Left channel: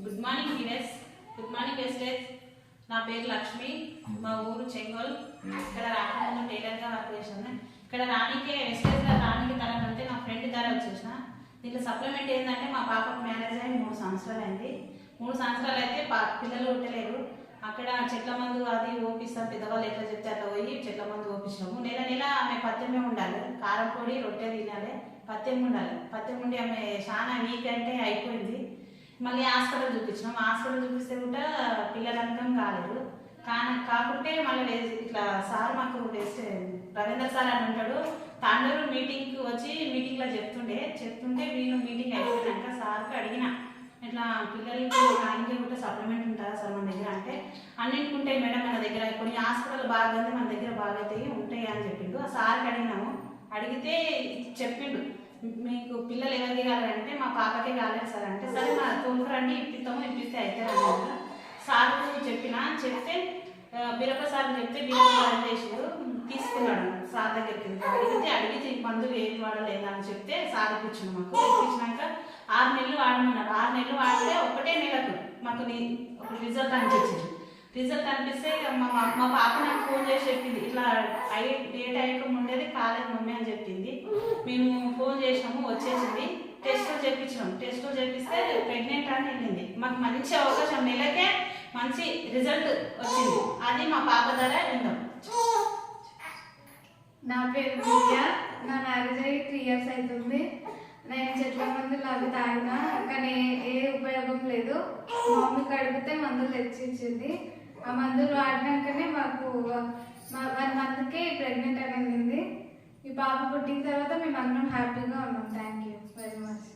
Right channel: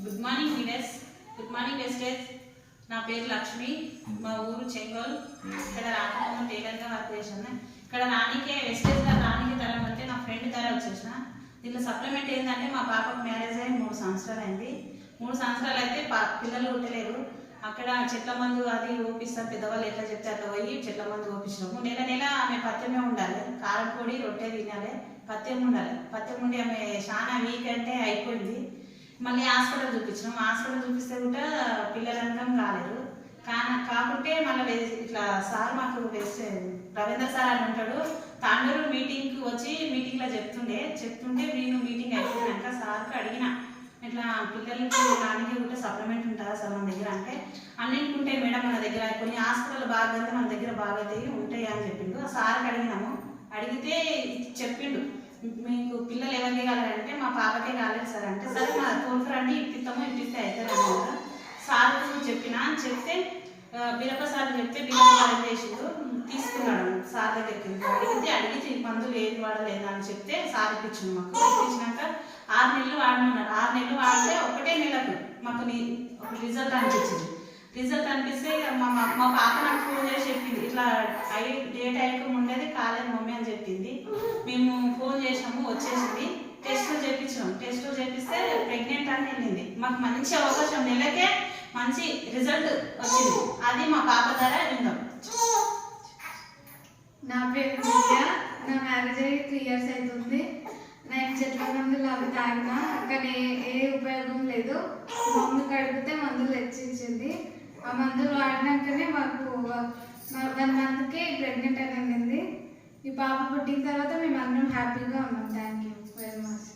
Good morning viewers, good morning wastage. నా పేరు లక్ష్మి, మా ఊరు చెంగోల్. ఇక్కడ రాకుండా టైలర్గా వర్క్ చేసాను. ఇక్కడ రానికే వెస్టేజ్లో రానికి తరం అంటే నా ఫ్రెండ్ తర వచ్చేసిన. దీంట్లో సప్లిమెంట్ ఏంటంటే మా పాపకు మ్యారేజ్ అయ్యి 3 సంవత్సరాలు అయింది. 3 సంవత్సరాలు అయితే పిల్లలు ఉండలేరు. అక్కడ చెట్ల మందు అది ఓపిస్తారు, పెద్దవాళ్ళు ఎట్లా చెప్తే అట్లా పోయి చెట్ల మందు ఓపించినాము. నెల నెల ఆమె పత్యమే ఉండాలి, కారం పొడి రొట్టె తినాలి, పత్యం ఉండాలి. పత్యం ఉండి ఆమె చాలా వీక్ అంటే అయిపోయింది. మళ్ళీ హాస్పిటల్ చూపించినాం. హాస్పిటల్ చూపిస్తే కూడా పిల్లలంతం కాలేదు. కాకుంటే మళ్ళీ ఇట్లా సార్ మాకు వేస్తే రవీంద్ర సార్ అని ఉంటాడు, తాండూరు మీటింగ్కి వచ్చి మీటింగ్లో చెప్తుంటే నేను మీటింగ్ అయిపోయినాక సార్కి అడిగిన, ఇట్లా పిల్లలకి నాన్నకి కూడా సప్లిమెంట్ ఉంటుందా సార్ మన దగ్గర అంటే, అన్నింటికి ఉంటాయి మేడం మన దగ్గర, కొన్ని హాస్పిటల్ బాగా మన దగ్గర బాగా అవుతాయి ఉంటాయి అని చెప్పిండు. ఆ సార్కి అడిగినాము. అడిగితే చెప్పిండు, మీకు పిల్లలు ఎవరికి కావాలంటే మా పాపకే కాలేదు సార్ అంటే, సరే నా తోలుకురండి ఇప్పిస్తే అయితే అన్నారు. సార్ చెప్తే బిరప్ప సార్ చెప్తే బిరప్ప చేసిండు, తీసుకున్నాడు సార్ దగ్గరికి. అడిగితే మందులు ఏది వాడలేదు అని చెప్తే సార్ ఇప్పించిండు. మాకు ఇప్పించినాక 6 నెలలు వాడమన్నారు. 6 నెలలు వాడితే ఒకటే నెలకు మాకు ఒక రిజల్ట్ అనిపించింది. రిజల్ట్ అనిపిస్తే మా పాప నాకు ఫోన్ చేసి చెప్పింది, ఇట్లా ఏ టైంకి ఉండేది కాలేదు మమ్మీ అని చెప్పింది. మేము ఫోన్ చేసినాము, వచ్చేసింది. టెస్టులు చేపిస్తే ప్రెగ్నెంట్ అని వెళ్ళింది. మాకు మంచి అవకాశం, నెలకే మంచి రిజల్ట్ వచ్చింది. అది మా పాప ద్వారా విందాం. నా పేరు విద్య. నా మ్యారేజ్ అయ్యి 3 years అవుతుంది. నేను చెట్ల మందులు అవి తాగినా కానీ ఏ ఉపయోగం లేదు. మా మమ్మీకి అడిగితే మందులు తెచ్చిచ్చింది. ఆ మందులు వాడినాకనే మాకు 1 monthకే ప్రెగ్నెంట్ అనేది. ఈ పాప పుట్టిన తర్వాత మేము అందరం హ్యాపీగా ఉన్నాం. Thank you very much.